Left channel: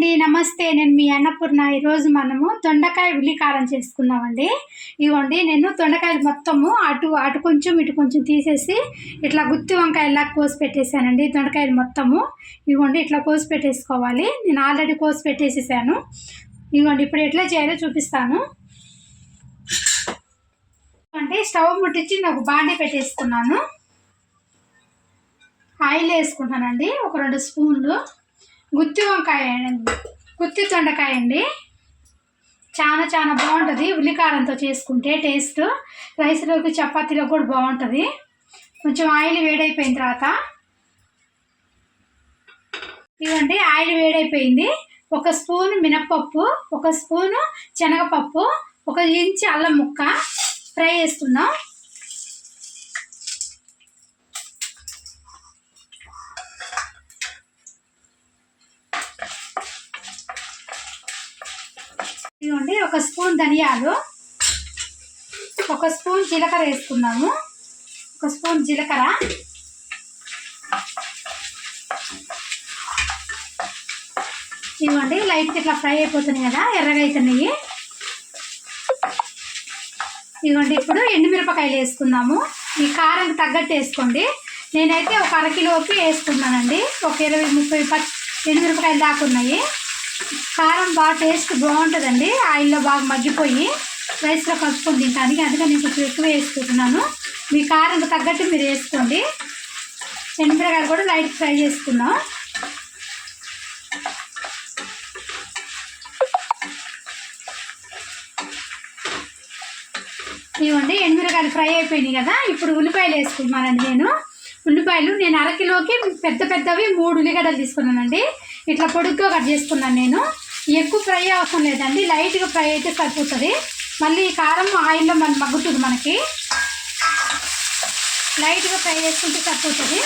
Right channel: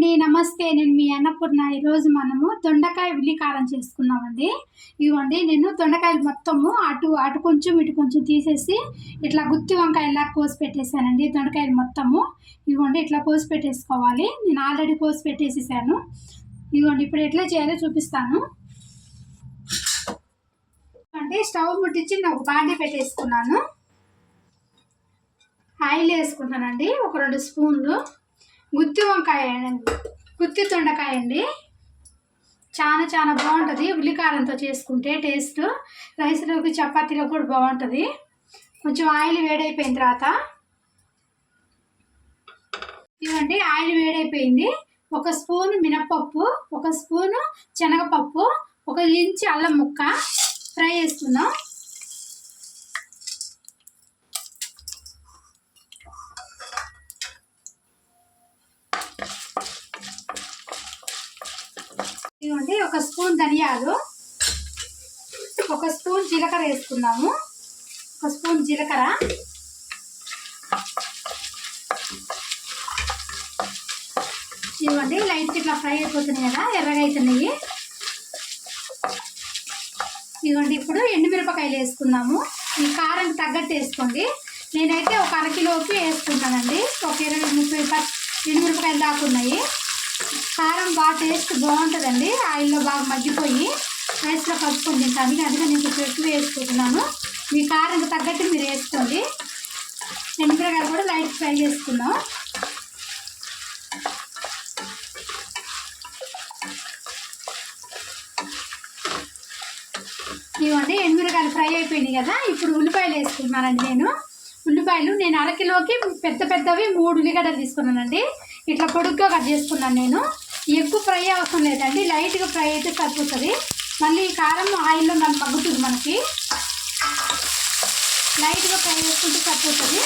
అండి నమస్తే. నేను మీ అన్నపూర్ణ. ఈరోజు మనము దొండకాయ ఉల్లికారం చేసుకుందామండి. ఇవ్వండి నేను దొండకాయలు మొత్తము అటు అటు కొంచెం ఇటు కొంచెం తీసేసి ఇట్లా గుత్తి వంకాయలా కోసి పెట్టేశానండి దొండకాయలు మొత్తము. ఇవ్వండి ఇట్లా కోసి పెట్టేసుకోవాలి. నేను ఆల్రెడీ కోసి పెట్టేసేసాను. ఇవ్వండి ఇప్పుడు ఎట్లా చేయాలో చూపిస్తాను. అంటే స్టవ్ ముట్టించి నేను ఒక బాండీ పెట్టేసుకున్నాను. ఆయిల్ వేసుకుంటానండి ఒక రెండు స్పూన్లు. గుత్తి వంకాయ గుత్తి దొండకాయ అండి. చాలా చాలా బాగుంటుంది. ఉల్లికారంతో చేసుకుంటే టేస్ట్ రైస్లోకి చపాతీలో కూడా బాగుంటుంది. కొంచెం ఆయిల్ వేడైపోయిన తర్వాత ఇవ్వండి ఆయిల్ వేడైపోయింది. ఒక స్పూన్ మినప్పప్పు ఒక స్పూను శనగపప్పు ఒక ఇంచి అల్లం ముక్క ఫ్రై చేసుకుందాం స్పూన్ ధనియాలు ఒక స్పూన్ జీలకర్ర వేసుకుందాము. ఒక స్పూన్ జీలకర్ర. ఇవ్వండి లైట్ ఇట్లా ఫ్రై అయిపోతున్నాయి కదా ఎర్రగా అవుతున్నాయి ఇదిగోండి ఇప్పుడు ఎండుమిరపకాయలు వేసుకుందాము. ఈ కారం తగ్గట్టు వేసుకోండి. నేనైతే ఒక అరకిలోకి వేసుకున్నానండి ఒక ఇరవై ముప్పై ప ఎండుమిరపకాయలు దాకా ఉన్నాయి. కారం బాగా టేస్ట్ బాగుంటుందండి. ఆయిల్లో బాగా మగ్గిపోయి రైస్లో కలుపుకొని తింటానికి అందుకని నేను కొంచెం ఎక్కువ వేసుకుంటున్నాను. మీ కారం తగ్గట్టు మీరు వేసుకోండి. ఎండుమిరకాయలు కూడా లైట్ ఫ్రై చేసుకున్నాం ఇవ్వండి ఎండుమిరకాయలు ఫ్రై అయిపోయినాయి కదా. ఇప్పుడు ఉల్లిపాయలు వేసుకున్నానండి నేను. ఉల్లిపాయలు నేను అరకిలోకి పెద్ద పెద్దవి మూడు ఉల్లిగడ్డలు తీసుకున్నానండి. ఇట్లా పొడుగ్గా కట్ చేసుకున్నాను నేను. ఎక్కువ ఫ్రై అవసరం లేదండి. లైట్గా ఫ్రై అయితే సరిపోతుంది. మళ్ళీ కారం ఆయిల్లో మనం మగ్గుతుంది మనకి. లైట్గా ఫ్రై చేసుకుంటే సరిపోతుంది.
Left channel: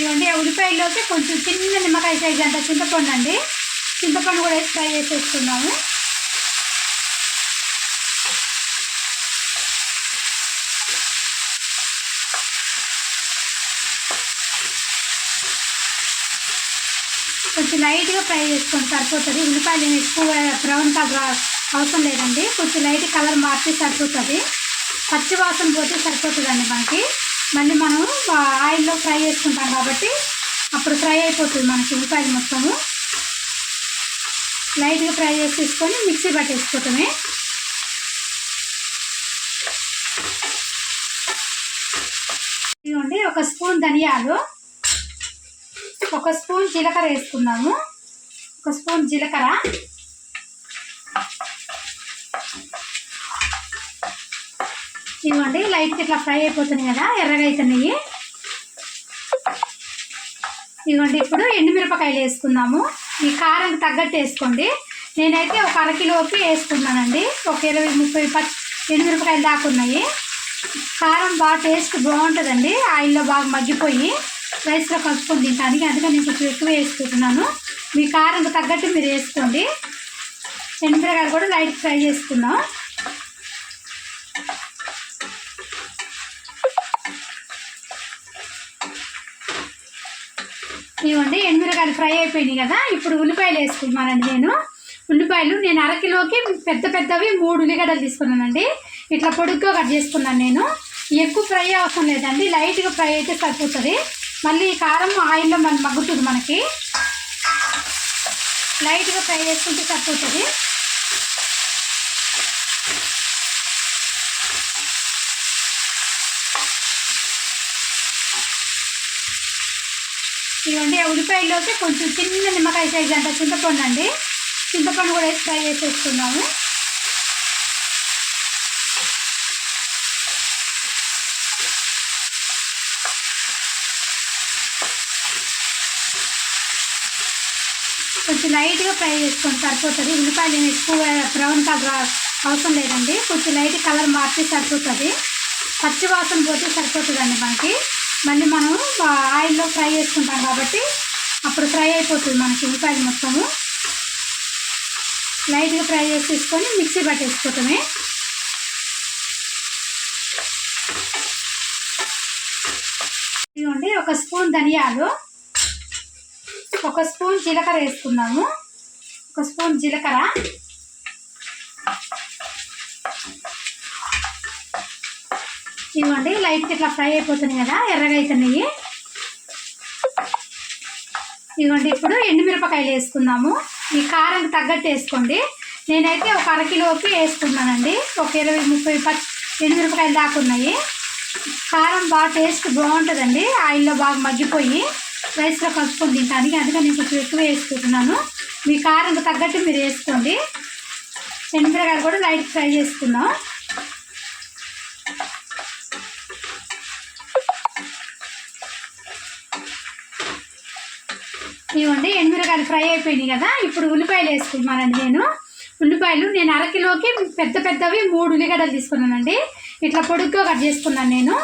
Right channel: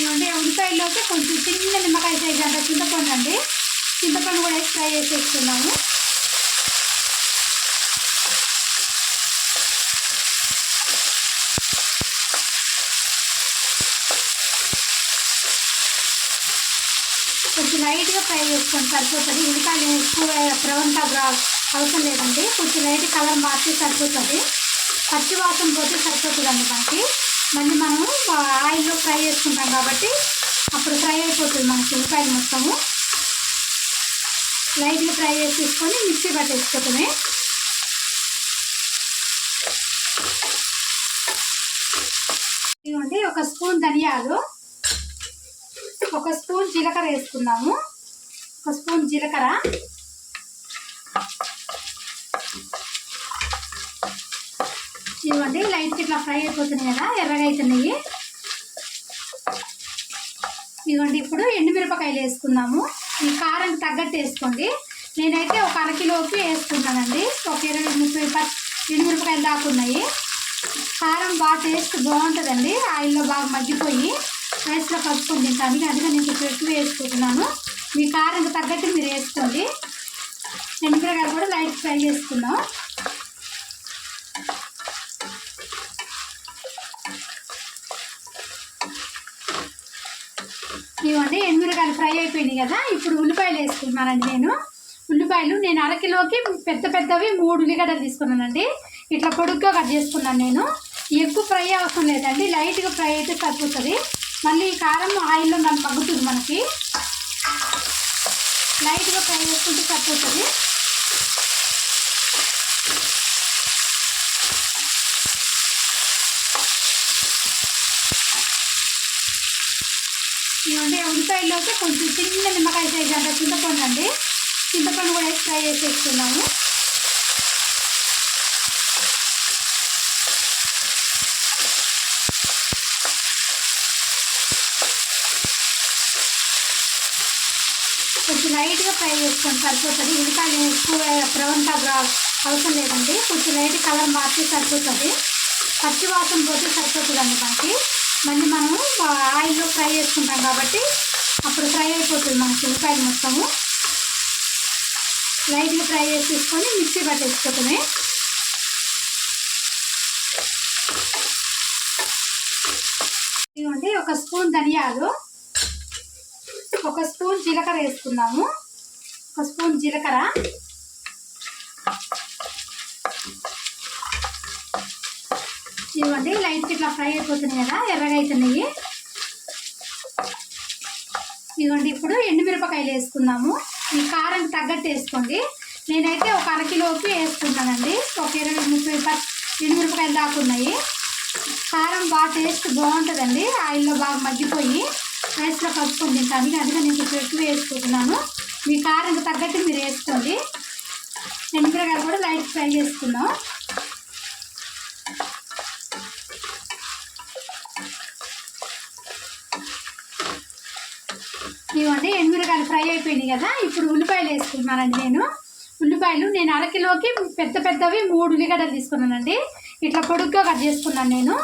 ఇవ్వండి ఆ ఉల్లిపాయలోకి కొంచెం చిన్న నిమ్మకాయ సైజ్ అంత చింతపండు అండి. చింతపండు కూడా వేసి ఫ్రై చేసేసుకున్నాము కొంచెం లైట్గా ఫ్రై చేసుకొని సరిపోతుంది. ఉల్లిపాయలు ఎక్కువ బ్రౌన్ కలర్ అవసరం లేదండి. కొంచెం లైట్ కలర్ మార్చి సరిపోతుంది. పచ్చి వాసన పోతే సరిపోతుందండి మనకి. మళ్ళీ మనము ఆయిల్లో ఫ్రై చేసుకుంటాం కాబట్టి అప్పుడు ఫ్రై అయిపోతుంది మనకి ఉల్లిపాయలు మొత్తము. లైట్గా ఫ్రై చేసి తీసుకొని మిక్సీ పట్టేసుకోవటమే ఇదిగోండి ఒక స్పూన్ ధనియాలు. ఒక స్పూన్ జీలకర్ర వేసుకుందాము. ఒక స్పూన్ జీలకర్ర. ఇవ్వండి లైట్ ఇట్లా ఫ్రై అయిపోతున్నాయి కదా ఎర్రగా అవుతున్నాయి ఇదిగోండి ఇప్పుడు ఎండుమిరపకాయలు వేసుకుందాము. ఈ కారం తగ్గట్టు వేసుకోండి. నేనైతే ఒక అరకిలోకి వేసుకున్నానండి ఒక ఇరవై ముప్పై ప ఎండుమిరపకాయలు దాకా ఉన్నాయి. కారం బాగా టేస్ట్ బాగుంటుందండి. ఆయిల్లో బాగా మగ్గిపోయి. రైస్లో కలుపుకొని తింటానికి అందుకని నేను కొంచెం ఎక్కువ వేసుకుంటున్నాను. మీ కారం తగ్గట్టు మీరు వేసుకోండి. ఎండుమిరకాయలు కూడా లైట్ ఫ్రై చేసుకున్నాం ఇవ్వండి ఎండుమిరకాయలు ఫ్రై అయిపోయినాయి కదా. ఇప్పుడు ఉల్లిపాయలు వేసుకున్నానండి నేను. ఉల్లిపాయలు నేను అరకిలోకి పెద్ద పెద్దవి మూడు ఉల్లిగడ్డలు తీసుకున్నానండి. ఇట్లా పొడుగ్గా కట్ చేసుకున్నాను నేను. ఎక్కువ ఫ్రై అవసరం లేదండి లైట్గా ఫ్రై అయితే సరిపోతుంది. మళ్ళీ ఈ కారం ఆయిల్లో మనం మగ్గుతుంది మనకి. లైట్గా ఫ్రై చేసుకుంటే సరిపోతుంది. ఇవ్వండి ఆ ఉల్లిపాయలోకి కొంచెం చిన్న నిమ్మకాయ సైజ్ అంటే చింతపండు అండి. చింతపండు కూడా వేసి ఫ్రై చేసేసుకున్నాము కొంచెం లైట్గా ఫ్రై చేసుకొని సరిపోతుంది. ఉల్లిపాయలు ఎక్కువ బ్రౌన్ కలర్ అవసరం లేదండి. కొంచెం లైట్ కలర్ మార్చి సరిపోతుంది. పచ్చి వాసన పోతే సరిపోతుందండి మనకి. మళ్ళీ మనం ఆయిల్లో ఫ్రై చేసుకుంటాం కాబట్టి అప్పుడు ఫ్రై అయిపోతుంది మనకి ఉల్లిపాయలు మొత్తము. లైట్గా ఫ్రై చేసి తీసుకొని మిక్సీ పట్టేసుకోవటమే ఇదిగోండి ఒక స్పూన్ ధనియాలు. ఒక స్పూన్ జీలకర్ర వేసుకుందాము. ఒక స్పూన్ జీలకర్ర. ఇదిగోండి లైట్ ఇట్లా ఫ్రై అయిపోతున్నాయి కదా ఎర్రగా అవుతున్నాయి ఇదిగోండి ఇప్పుడు ఎండుమిరపకాయలు వేసుకుందాము. ఈ కారం తగ్గట్టు వేసుకోండి. నేనైతే ఒక అరకిలోపు వేసుకున్నానండి ఒక ఇరవై ముప్పై పత్ ఎండుమిరపకాయలు దాకా ఉన్నాయి. కారం బాగా టేస్ట్ బాగుంటుందండి. ఆయిల్లో బాగా మగ్గిపోయి. రైస్లో కలుపుకొని తింటానికి అందుకని నేను కొంచెం ఎక్కువ వేసుకుంటున్నాను. మీ కారం తగ్గట్టు మీరు వేసుకోండి. ఎండుమిరకాయలు కూడా లైట్ ఫ్రై చేసుకున్నాం ఇవ్వండి ఎండుమిరకాయలు ఫ్రై అయిపోయినాయి కదా. ఇప్పుడు ఉల్లిపాయలు వేసుకున్నానండి నేను. ఉల్లిపాయలు నేను అరకిలోకి పెద్ద పెద్దవి మూడు ఉల్లిగడ్డలు తీసుకున్నానండి. ఇట్లా పొడుగ్గా కట్ చేసుకున్నాను నేను.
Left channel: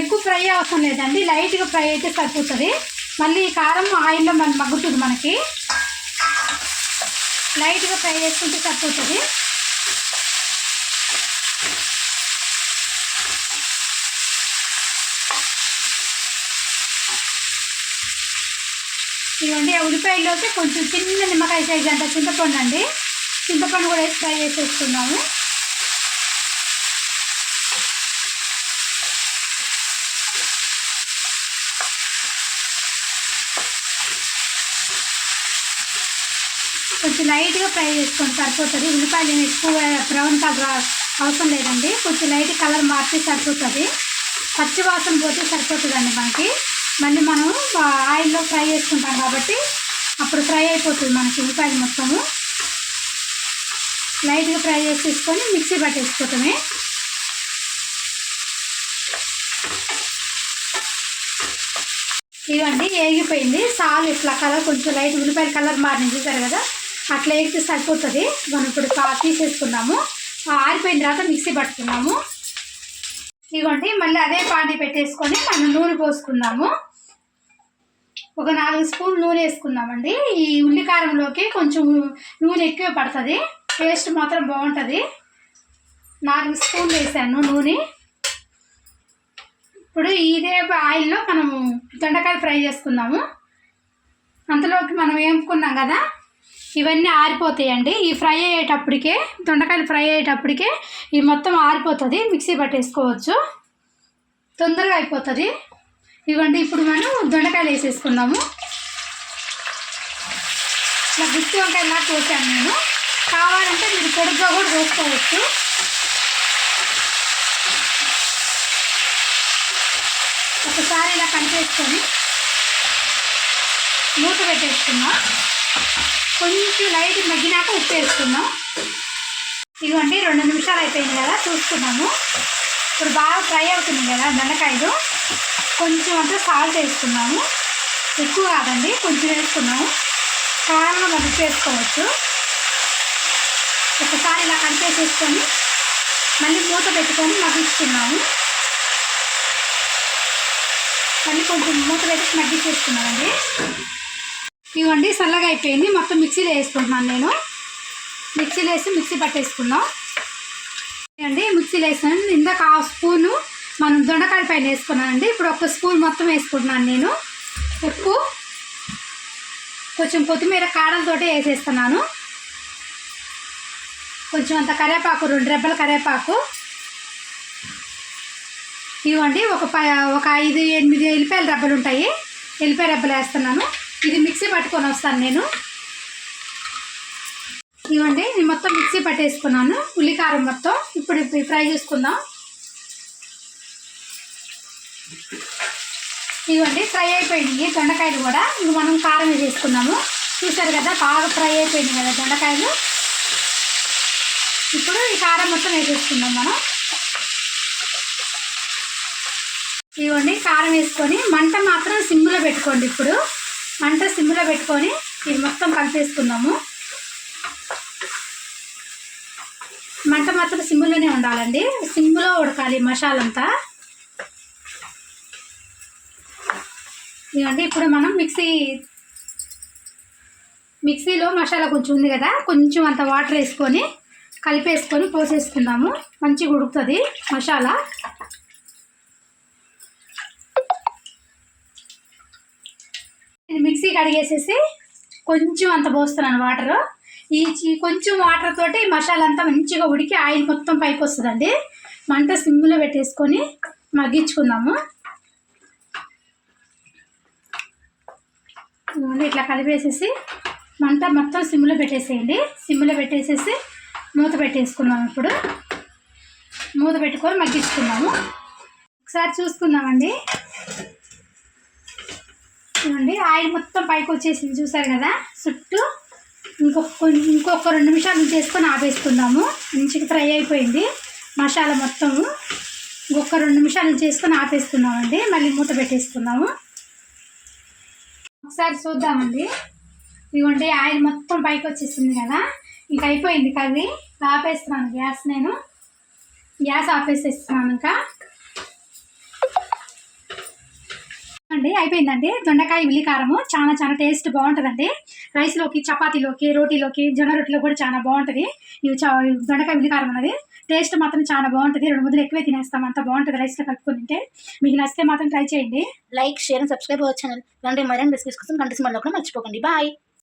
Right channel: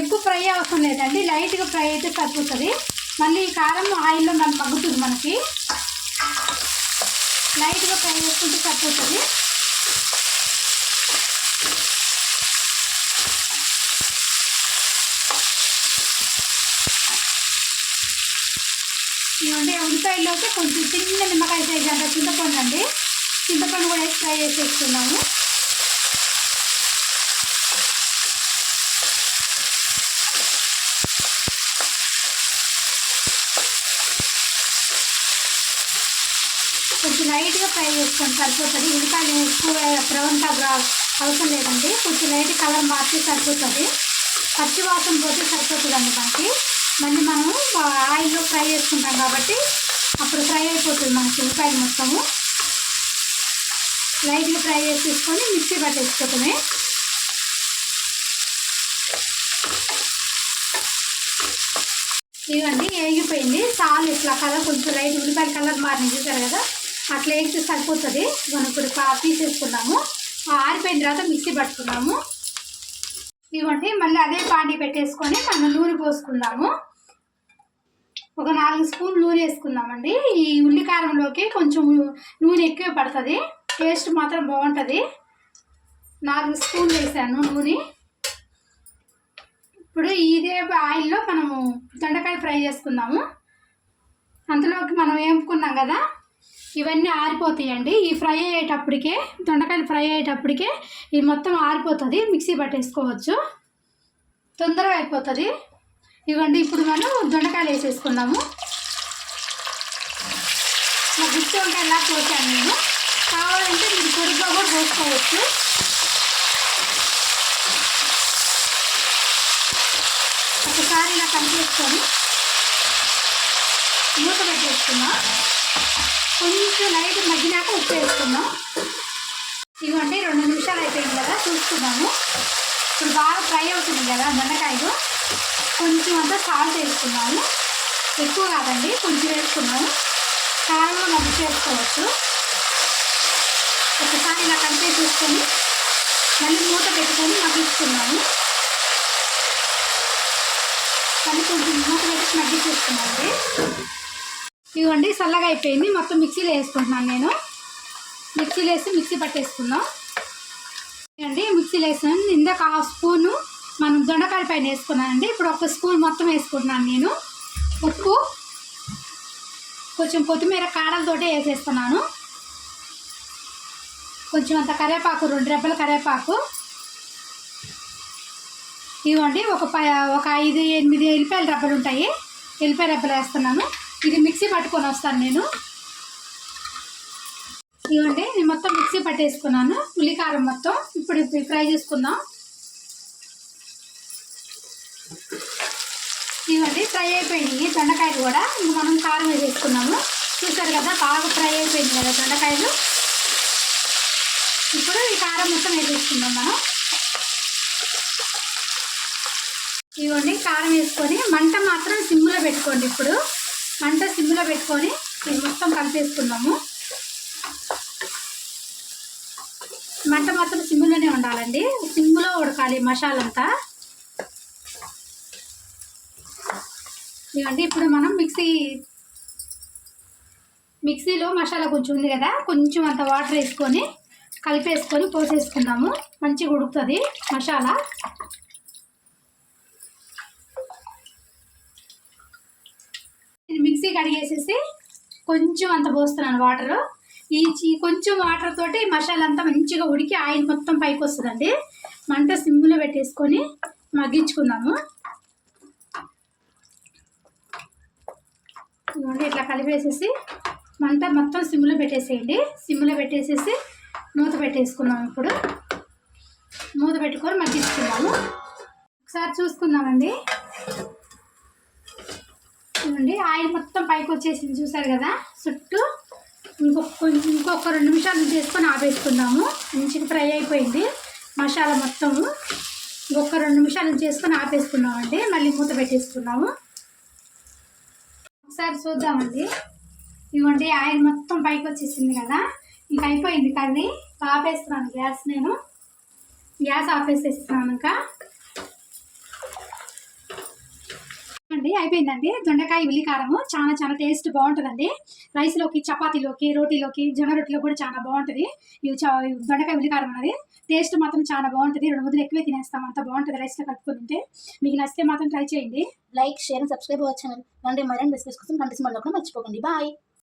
ఎక్కువ ఫ్రై అవసరం లేదండి. లైట్గా ఫ్రై అయితే సరిపోతుంది. మళ్ళీ ఈ కారం ఆయిల్లో మనం తగ్గుతుంది మనకి. లైట్గా ఫ్రై చేసుకుంటే సరిపోతుంది. ఇవ్వండి ఆ ఉల్లిపాయలోకి కొంచెం చిన్న నిమ్మకాయ సైజ్ అంత చింతపండు అండి. చింతపండు కూడా వేసి ఫ్రై చేసేసుకున్నాము కొంచెం లైట్గా ఫ్రై చేసుకోండి సరిపోతుంది. ఉల్లిపాయలు ఎక్కువ బ్రౌన్ కలర్ అవసరం లేదండి. కొంచెం లైట్ కలర్ మార్చి సరిపోతుంది. పచ్చి వాసన పోతే సరిపోతుందండి మనకి. మళ్ళీ మనం ఆయిల్లో ఫ్రై చేసుకుంటాం కాబట్టి అప్పుడు ఫ్రై అయిపోతుంది మనకి ఉల్లిపాయలు మొత్తము. లైట్గా ఫ్రై చేసేసుకొని మిక్సీ పట్టేసుకోవటమే ఇవ్వండి వేగిపోయింది సాల్ ఇట్లా కలర్ కొంచెం లైట్ ఉల్లిపాయల కలర్ మారిన చూసారు కదా? అట్లా వేస్తే సరిపోతుంది. మనం ఇప్పుడు తీసేసుకున్నాము. ఆరిపోయిన తర్వాత మిక్సీ పట్టుకున్నాము. ఇవ్వండి మళ్ళీ అదే పాటి పెట్టేసుకొని మనం నూనె పోసుకుందాము ఒక నాలుగు స్పూన్ నూనె వేసుకుందామండి ఈ ఉల్లికారంలోకి కొంచెం నూనె ఎక్కువ పడుతుంది. టేస్ట్ మాత్రం బాగుంటుంది. నాలుగు స్పూన్లు వేసాను నూనె. ఇప్పుడు ఇదే ఆయిల్లో మనము దొండకాయ ఫ్రై చేసుకుందాము అంతలోకి మనం వేపుకున్నాం కదా ఇవన్నీ ఆరిపోతాయండి. ఈ ఫ్రై అయ్యేటప్పటికే దొండకాయలు ఫ్రై అయ్యేటప్పటికే ఇవి మొత్తం ఆరిపోతుంది. మిక్సీ పట్టేసుకోవచ్చు. తొందరగా అయిపోతుంది. ఇవ్వండి ఇప్పుడు మనం దొండకాయలు వేసేసుకుందాము. ఇలా గుత్తి వంకాయలా కోసాను నేను. కావాలంటే మీరు పొడిగా కూడా కోసుకోవచ్చు ఒకసారి ఇలా కలిపేసుకొని మూత పెట్టేసుకున్నాం కొంచెం లైట్ మగ్గినాక ఉప్పు వేసుకున్నాం ఇదిగోండి రెండు నిమిషాలు అయిపోయింది కదా చూసుకున్నాము ఇప్పుడు బాగా ఫ్రై అవుతుంది కదా బెండకాయలు కొంచెం అంతా సాల్ట్ వేసుకున్నాము. ఎక్కువ కాదండి కొంచెం వేసుకున్నాము. కారంలో మనం చేసుకోవచ్చు. వేసుకోవచ్చు ఒకసారి ఇలా కలిపేసేసుకొని మళ్ళీ మూత పెట్టుకొని మగ్గిస్తున్నాము. మళ్ళీ కొంచెం మూత పెట్టి మగ్గించేసుకున్నామండి ఇవ్వండి చల్లగా అయిపోయింది. మొత్తం మిక్సీలో వేసుకుంటున్నాను నేను. మిక్సీలో వేసి మిక్సీ పట్టేసుకున్నాం అండి మిక్సీలో వేసాను ఇందాక హాఫ్ స్పూను మనం దొండకాయ పైన వేసుకున్నానండి. ఇప్పుడు ఒక స్పూన్ మొత్తం వేసుకుంటున్నాను నేను. ఉప్పు కొంచెం కొత్తిమీర కాడలతోటే వేసేస్తున్నాను. కొంచెం అంత కరివేపాకు రెండు రెబ్బల కరివేపాకు. ఇవ్వండి ఒక ప ఒక ఐదు ఎనిమిది ఎల్లిపాయల రెబ్బలు ఉంటాయి. ఎల్లిపాయ రెబ్బలు వేస్తున్నాను. ఇది మిక్సీ పట్టుకొని వస్తాను నేను. ఇవ్వండి నేను మొత్తం మిక్సీ పట్టేసుకున్నాను. ఉల్లికారం మొత్తం ఇప్పుడు ఫ్రై చేసుకుందాం. ఇవ్వండి ఫ్రై అయిపోయినాయి దొండకాయలు కూడా ఇంక మనం కారం వేసేసుకున్నాము చూసారు కదా బాగా ఫ్రై అయిపోయింది కదా దొండకాయలు. ఇప్పుడు ఈ కారం మొత్తం వేసేసుకుందాం మనం. ఇవ్వండి కారం వేసుకొని మంట మాత్రం సిమ్లో పెట్టుకోండి ఇప్పుడు. మంట సిమ్లో పెట్టుకొని ఇది మొత్తం కలిపేసుకుందాము. మంట మాత్రం సిమ్లోనే ఉండాలండి. సిమ్లో ఉడకాలి మసాలంతా. అంతా ఇవ్వండి ఇప్పుడు మనం మిక్సీ మిక్సీలో మసాలా కొంచెం ఉంది కదా కొంచెం అంత వాటర్ వేసుకొని కలిపేసుకొని పోసేసుకుందాము. మంచిగా ఉడుకుతుంది మసాలా. ఇది మిక్సీ కడిగేసేసి కొంచెం అంత పోస్తున్నాను వాటర్. ఈ చి- కొంచెం వాటర్ తోటి మసాలా అంతా మంచిగా ఉడికి ఆయిల్ మొత్తం పైకి వస్తుందండి. మంట సిమ్లో పెట్టేసుకొని మగ్గించుకుందాము. ఇట్లా కలిపేసేసి మంట మొత్తం సిమ్లో పెట్టేసేయండి. సిమ్లో పెట్టేసేసి మూత పెట్టేసుకుందాం ఇప్పుడు. మూత పెట్టుకొని మగ్గించుకుందాము. ఒకసారి చూసుకుందామండి చూడండి ఆయిల్ మొత్తం పైకి వచ్చేసింది చూసారు కదా? చుట్టూ ఇంకొక ఇంకొక రెండు నిమిషాలు చేసుకొని ఆపేసుకుందాము. మంచిగా ఫ్రై అయిపోయింది. మసాలా మొత్తము ఇంకొక రెండు నిమిషాలు చేసుకొని ఆపేసుకున్నామండి మళ్ళీ మూత పెట్టేసుకున్నాము ఒకసారి చూద్దామండి. ఇదిగోండి ఆయిల్ మొత్తం పైకి వచ్చేసింది కదా? ఇంక అయిపోయింది కర్రీ. ఆపేస్తున్నాను గ్యాస్ నేను. గ్యాస్ ఆపేసేస్తున్నాను ఇంకా. అండి అయిపోయిందండి. దొండకాయ ఉల్లి కారము చాలా చాలా టేస్ట్ బాగుంటుందండి. రైస్లోకి చపాతీలోకి రోటీలోకి జొన్న రొట్టెలో కూడా చాలా బాగుంటుంది. ఇవి దొండకాయ ఉల్లి కారం అన్నది టేస్ట్ మాత్రం చాలా బాగుంటుంది. రెండు ముద్దలు ఎక్కువే తినేస్తాం. అంత బాగుంటుంది రైస్లో కలుపుకొని తింటే. మీకు నచ్చితే మాత్రం ట్రై చేయండి. లైక్ షేర్ అండ్ సబ్స్క్రైబ్ అవ్వచ్చు ఛానల్. ఇలాంటి మరిన్ని రెసిపీస్ కోసం కంటి సినిమాలో కూడా మర్చిపోకండి. బాయ్.